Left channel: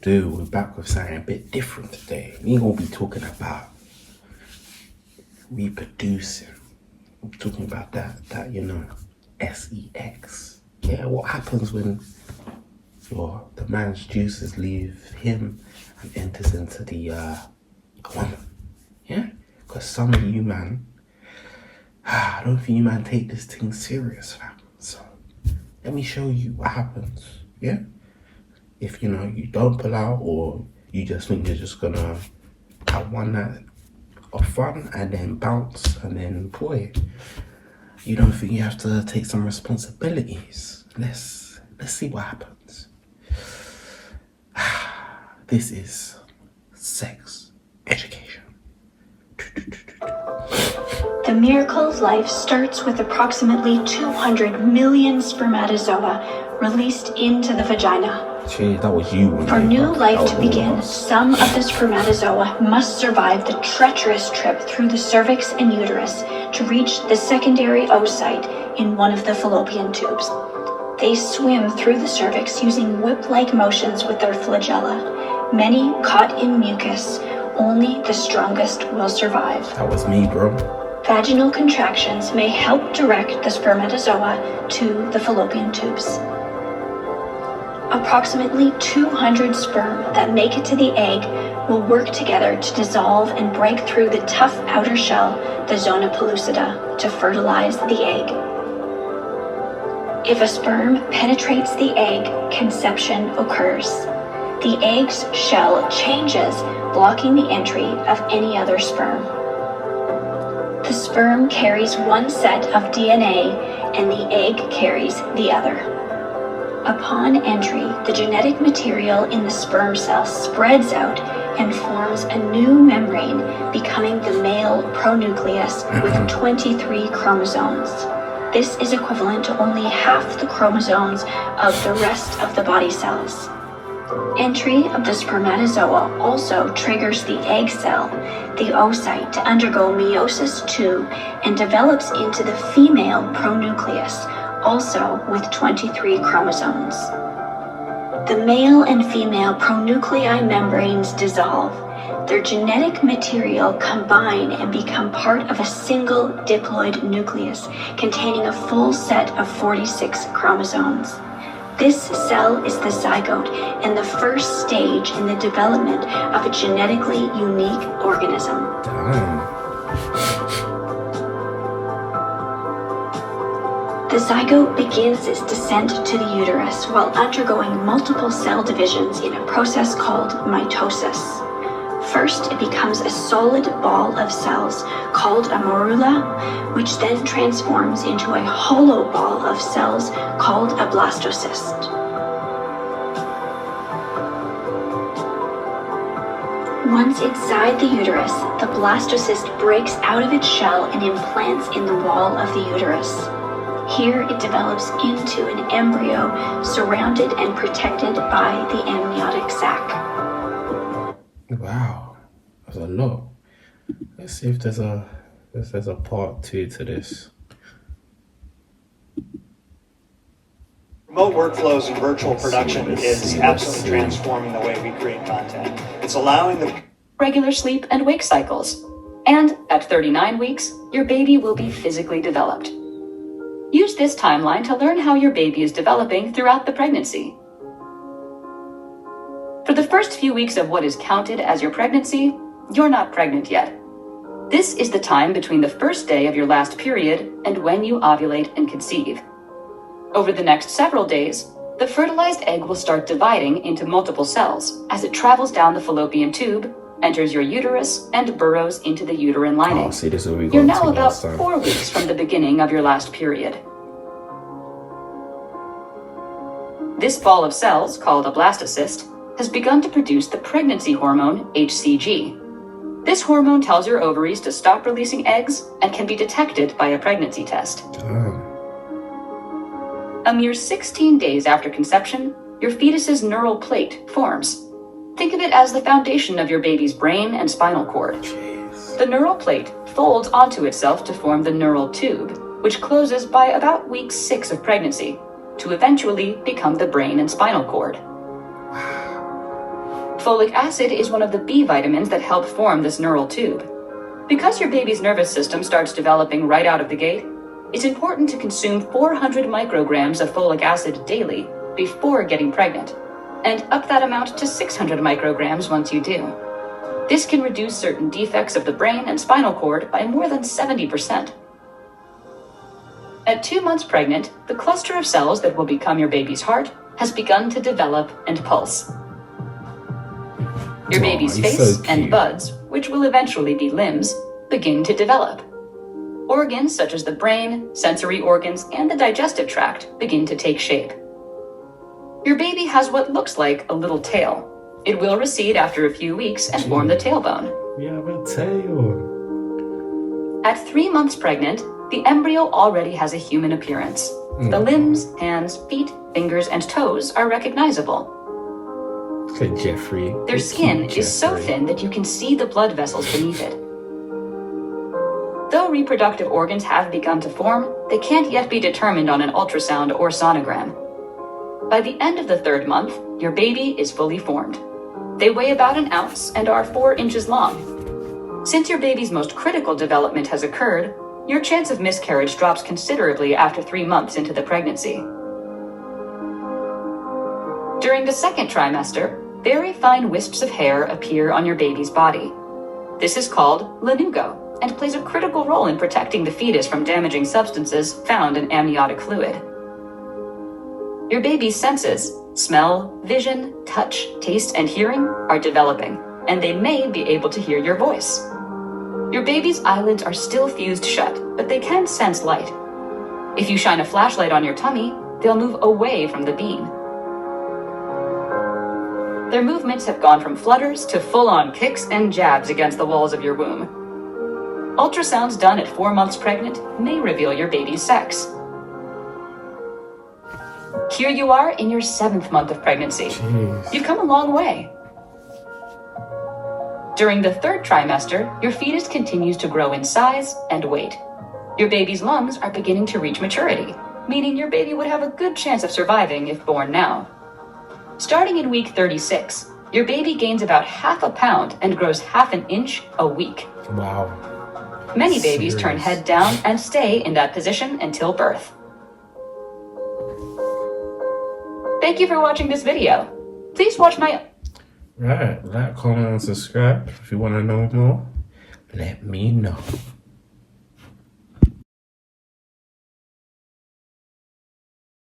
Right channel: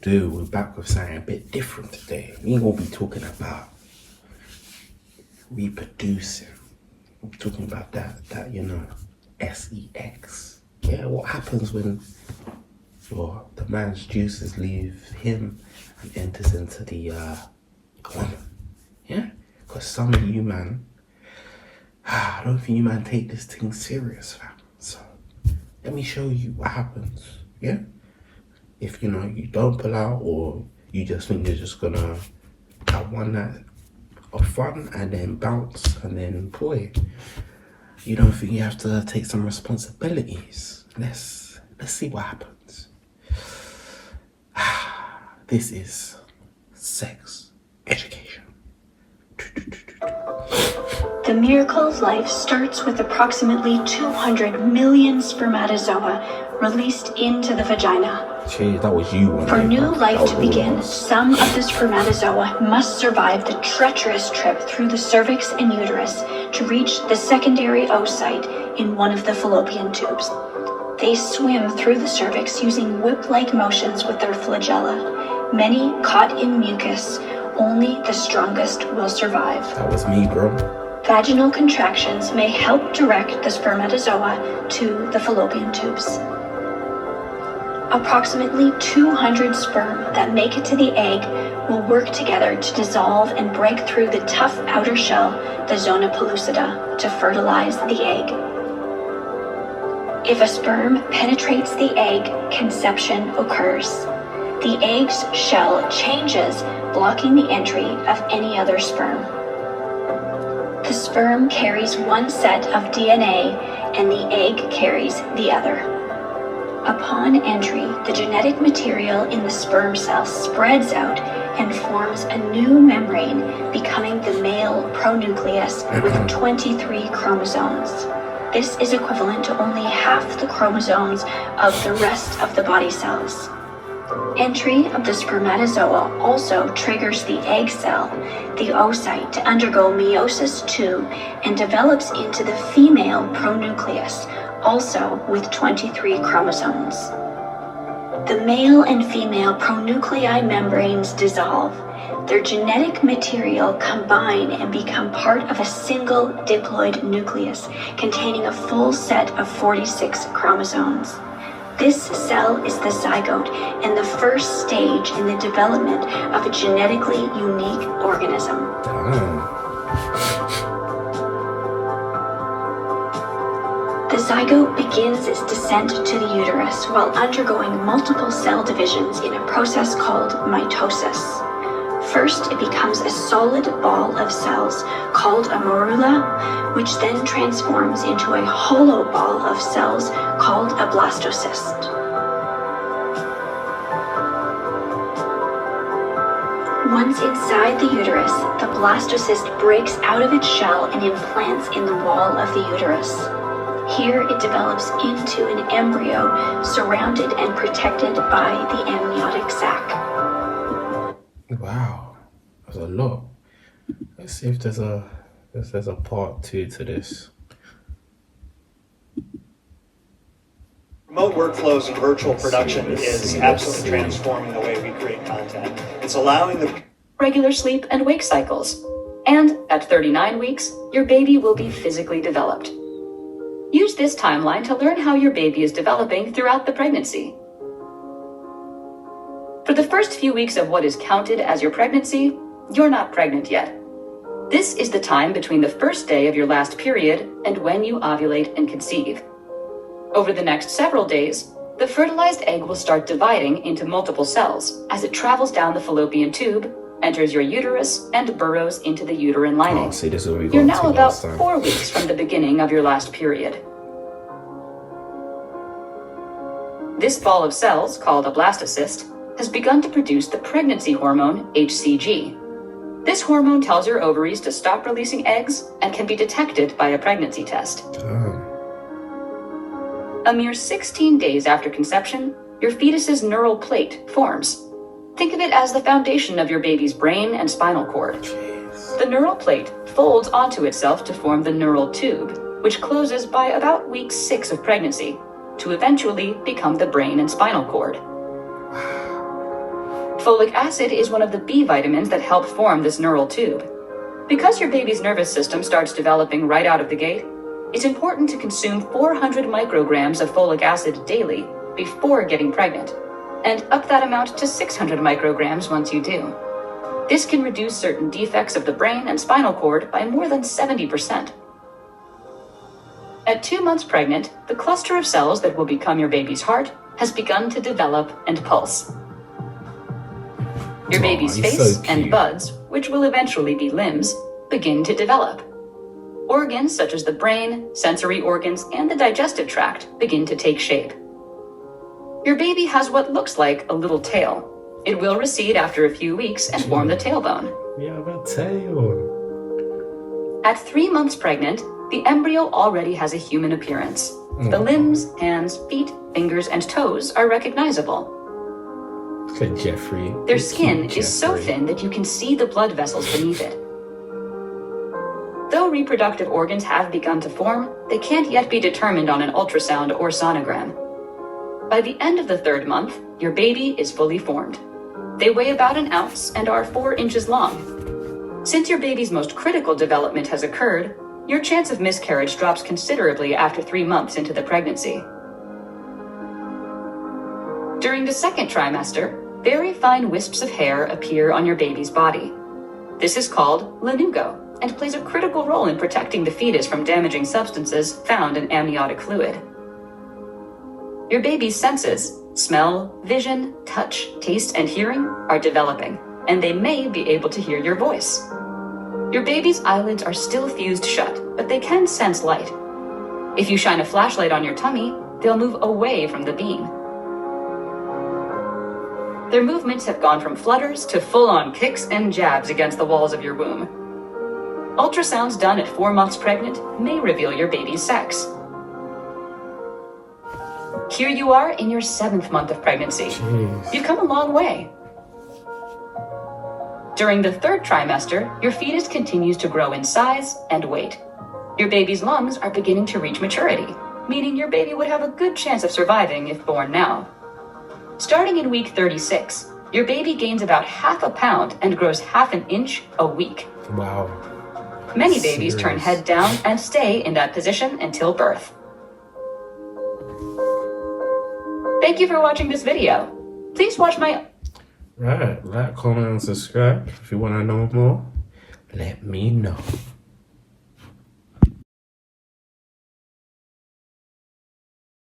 do. We're back with something a bit different today. We ain't gonna be talking about reproducing. We're talking about that sex. Yeah, what happens when the man's juices leave him and enters into the woman? Yeah, because some of you man, I don't think you man take this thing serious, fam. So let me show you what happens. Yeah. If you don't pull out, or you just think you're just gonna have one night of fun and then bounce and then boy, you don't think you have to take some responsibilities. Let's see what happens. This is sex education. The miracle of life starts with approximately 200 million spermatozoa released into the vagina. Jeez, that was you. For new life to begin, some of the spermatozoa must survive the treacherous trip through the cervix and uterus to reach the secondary oocyte in one of the fallopian tubes. They swim through the cervix using whip-like motions with their flagella. Many caught in mucus, only the strongest will survive. That was me, bro. Vaginal contractions may help direct the spermatozoa to the fallopian tubes. Approximately 200 sperm that make it to the egg will work together to dissolve and break through the tough outer shell, the zona pellucida, to fertilize the egg. If a sperm penetrates the egg, conception occurs. The egg's shell changes, blocking the entry of any other sperm. The sperm carries one set of DNA and the egg carries the other. Upon entry, the genetic material in the sperm cell spreads out and forms a new membrane, becoming the male pronucleus with 23 chromosomes. This is equivalent to only half the chromosomes of the rest of the body cells. Entry of the spermatozoa also triggers the egg cell, the oocyte, to undergo meiosis II and develops into the female pronucleus, also with 23 chromosomes. The male and female pronuclei membranes dissolve. Their genetic material combine and become part of a single diploid nucleus containing a full set of 46 chromosomes. This cell is the zygote and the first stage in the development of a genetically unique organism. The zygote begins its descent to the uterus while undergoing multiple cell divisions in a process called mitosis. First, it becomes a solid ball of cells called a morula, which then transforms into a hollow ball of cells called a blastocyst. Once inside the uterus, the blastocyst breaks out of its shell and implants in the wall of the uterus. Here it develops into an embryo surrounded and protected by the amniotic sac. Wow, that's a lot. Let's see if there's a part 2 to this. Remote workflows and virtual production is absolutely transforming the way we create content. It's allowing the regular sleep and wake cycles. And at 39 weeks, your baby will be physically developed. Use this timeline to learn how your baby is developing throughout the pregnancy. For the first few weeks of what is counted as your pregnancy, you're not pregnant yet. This is the time between the first day of your last period and when you ovulate and conceive. Over the next several days, the fertilized egg will start dividing into multiple cells as it travels down the fallopian tube, enters your uterus, and burrows into the uterine lining. Oh, see, this is what we got You're now to about last time. 4 weeks from the beginning of your last period. This ball of cells, called a blastocyst, has begun to produce the pregnancy hormone HCG. This hormone tells your ovaries to stop releasing eggs and can be detected by a pregnancy test. A mere 16 days after conception, your fetus's neural plate forms. Think of it as the foundation of your baby's brain and spinal cord. The neural plate folds onto itself to form the neural tube, which closes by about week 6 of pregnancy, to eventually become the brain and spinal cord. Folic acid is one of the B vitamins that help form this neural tube. Because your baby's nervous system starts developing right out of the gate, it's important to consume 400 micrograms of folic acid daily before getting pregnant, and up that amount to 600 micrograms once you do. This can reduce certain defects of the brain and spinal cord by more than 70%. At 2 months pregnant, the cluster of cells that will become your baby's heart has begun to develop and pulse. Your baby's face and buds, which will eventually be limbs, begin to develop. Organs such as the brain, sensory organs, and the digestive tract begin to take shape. Your baby has what looks like a little tail. It will recede after a few weeks and form the tailbone. We have a tail. At 3 months pregnant, the embryo already has a human appearance. The limbs, hands, feet, fingers, and toes are recognizable. Look at Jeffrey. Their skin is so thin that you can see the blood vessels beneath it. Though reproductive organs have begun to form, they can't yet be determined on an ultrasound or sonogram. By the end of the 3rd month, your baby is fully formed. They weigh about an ounce and are 4 inches long. Since your baby's most critical development has occurred, your chance of miscarriage drops considerably after 3 months into the pregnancy. During the 2nd trimester, very fine wisps of hair appear on your baby's body. This is called lanugo and plays a critical role in protecting the fetus from damaging substances found in amniotic fluid. Your baby's senses, smell, vision, touch, taste, and hearing are developing, and they may be able to hear your voice. Your baby's eyelids are still fused shut, but they can sense light. If you shine a flashlight on your tummy, they'll move away from the beam. Their movements have gone from flutters to full-on kicks and jabs against the walls of your womb. Ultrasounds done at 4 months pregnant may reveal your baby's sex. Here you are in your 7th month of pregnancy. Jeez. You've come a long way. During the 3rd trimester, your fetus continues to grow in size and weight. Your baby's lungs are beginning to reach maturity, meaning your baby would have a good chance of surviving if born now. Starting in week 36, your baby gains about half a pound and grows half an inch a week. Wow. Many babies turn head down and stay in that position until birth. Thank you for watching this video. Please watch my... Right, like, comment, and subscribe. If you want to know more, let me know.